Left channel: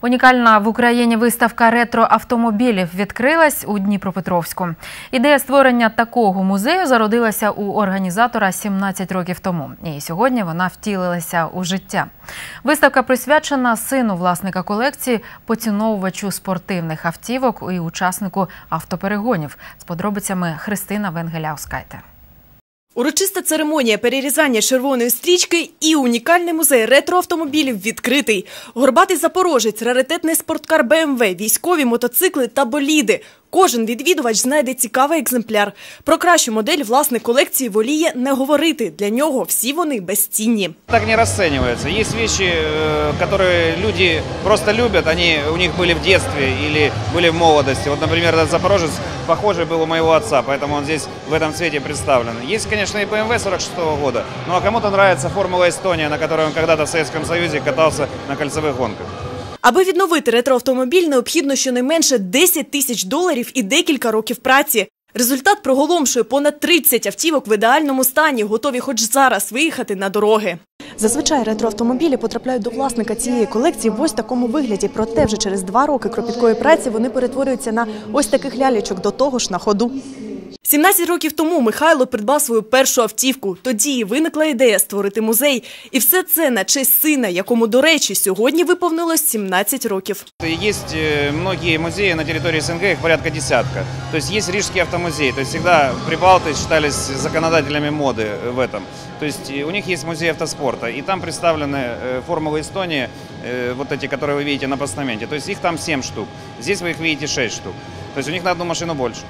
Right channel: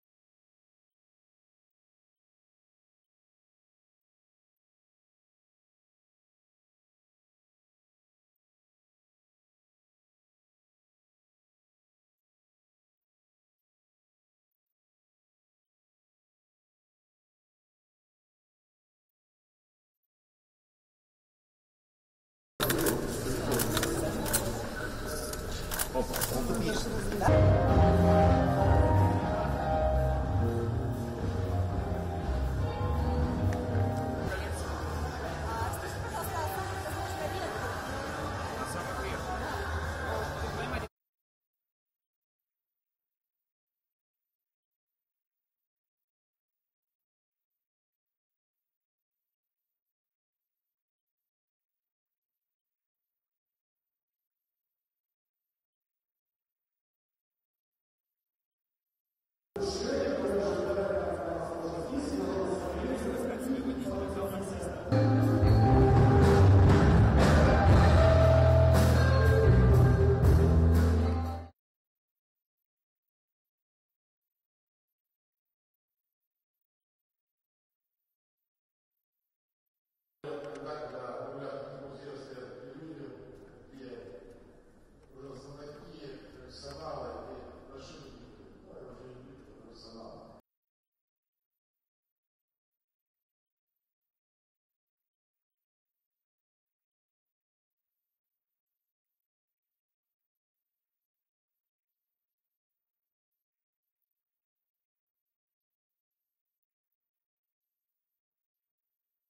Унікальна в Україні виставка ретро-автомобілів відкрилась у Дніпропетровську. Ідея створення такого музею зародилася у організатора 17 років тому. І сьогодні вона втілилася у життя. Виставка присвячена сину власника колекції, поціновувачу спортивних автівок і учаснику автоперегонів. З подробицями Христина Венгеляускайте. Урочиста церемонія перерізання червоної стрічки і унікальний музей ретроавтомобілів відкритий. Горбатий запорожець, раритетний спорткар БМВ, військові мотоцикли та боліди. Кожен відвідувач знайде цікавий екземпляр. Про кращу модель власник колекції воліє не говорити. Для нього всі вони безцінні. Так не расценивается. Есть вещи, э, которые люди просто любят, они у них были в детстве или были в молодости. Вот, например, этот Запорожец похожий был у моего отца, поэтому он здесь в этом цвете представлен. Есть, конечно, и BMW 46 года, ну а кому-то нравится Формула Эстония, на которой он когда-то в Советском Союзе катался на кольцевых гонках. Аби відновити ретроавтомобіль, необхідно щонайменше 10 тисяч доларів і декілька років праці. Результат проголомшує понад 30 автівок в ідеальному стані, готові хоч зараз виїхати на дороги. Зазвичай ретроавтомобілі потрапляють до власника цієї колекції в ось такому вигляді. Проте вже через два роки кропіткої праці вони перетворюються на ось таких лялечок, до того ж на ходу. 17 років тому Михайло придбав свою першу автівку. Тоді і виникла ідея створити музей. І все це на честь сина, якому, до речі, сьогодні виповнилось 17 років. Есть э, многие музеи на территории СНГ, их порядка десятка. То есть есть Рижский автомузей, то есть всегда прибалты считались законодателями моды э, в этом. То есть э, у них есть музей автоспорта, и там представлены э, формулы Эстонии, э, вот эти, которые вы видите на постаменте. То есть их там 7 штук, здесь вы их видите 6 штук. То есть у них на одну машину больше.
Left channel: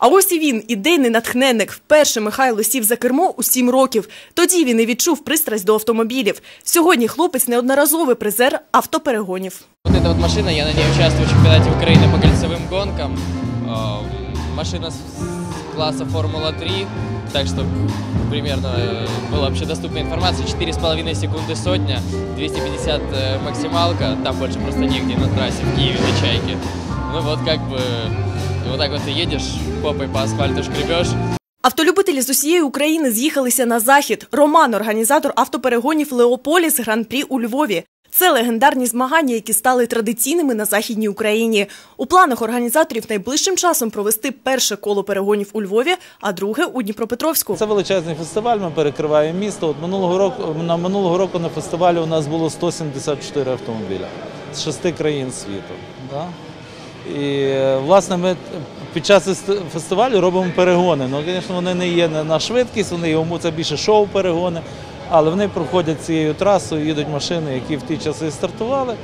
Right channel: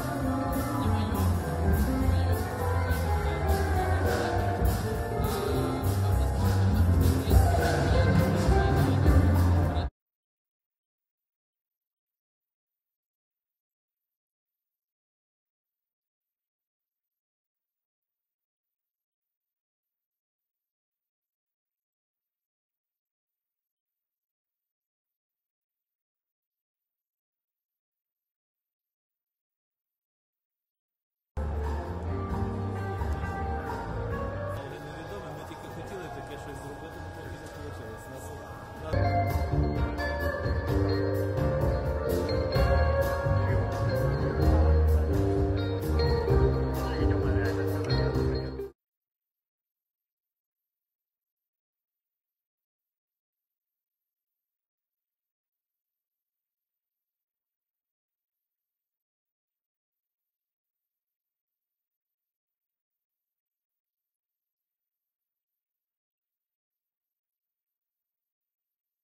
А ось і він, ідейний натхненник. Вперше Михайло сів за кермо у 7 років. Тоді він і відчув пристрасть до автомобілів. Сьогодні хлопець неодноразовий призер автоперегонів. Вот эта вот машина, я на ней участвую в чемпионате Украины по кольцевым гонкам. А, Машина с класса Формула-3, так что примерно э, была общедоступная информация. 4,5 секунды сотня, 250 э, максималка, там больше просто негде на трассе в Киеве на Чайке. Ну вот как бы вот так вот ты едешь, попой по асфальту шкребешь, Автолюбителі з усієї України з'їхалися на захід. Роман, організатор автоперегонів Леополіс Гран-прі у Львові. Це легендарні змагання, які стали традиційними на західній Україні. У планах організаторів найближчим часом провести перше коло перегонів у Львові, а друге у Дніпропетровську. Це величезний фестиваль. Ми перекриваємо місто. От минулого року на минулого року на фестивалі у нас було 174 автомобіля з шести країн світу. Да? І е, власне ми під час фестивалю робимо перегони. Ну, звісно, вони не є на швидкість, вони йому це більше шоу-перегони, але вони проходять цією трасою, їдуть машини, які в ті часи стартували.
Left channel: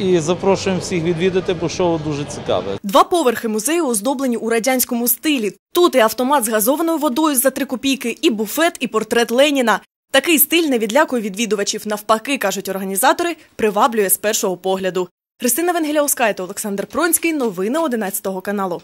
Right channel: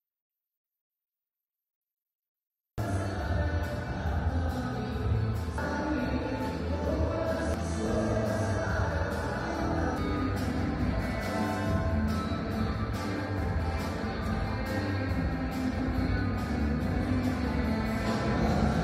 І запрошуємо всіх відвідати, бо шоу дуже цікаве. Два поверхи музею оздоблені у радянському стилі. Тут і автомат з газованою водою за три копійки, і буфет, і портрет Леніна. Такий стиль не відлякує відвідувачів. Навпаки, кажуть організатори, приваблює з першого погляду. Христина Венгеля Оскайто, Олександр Пронський. Новини 11 каналу.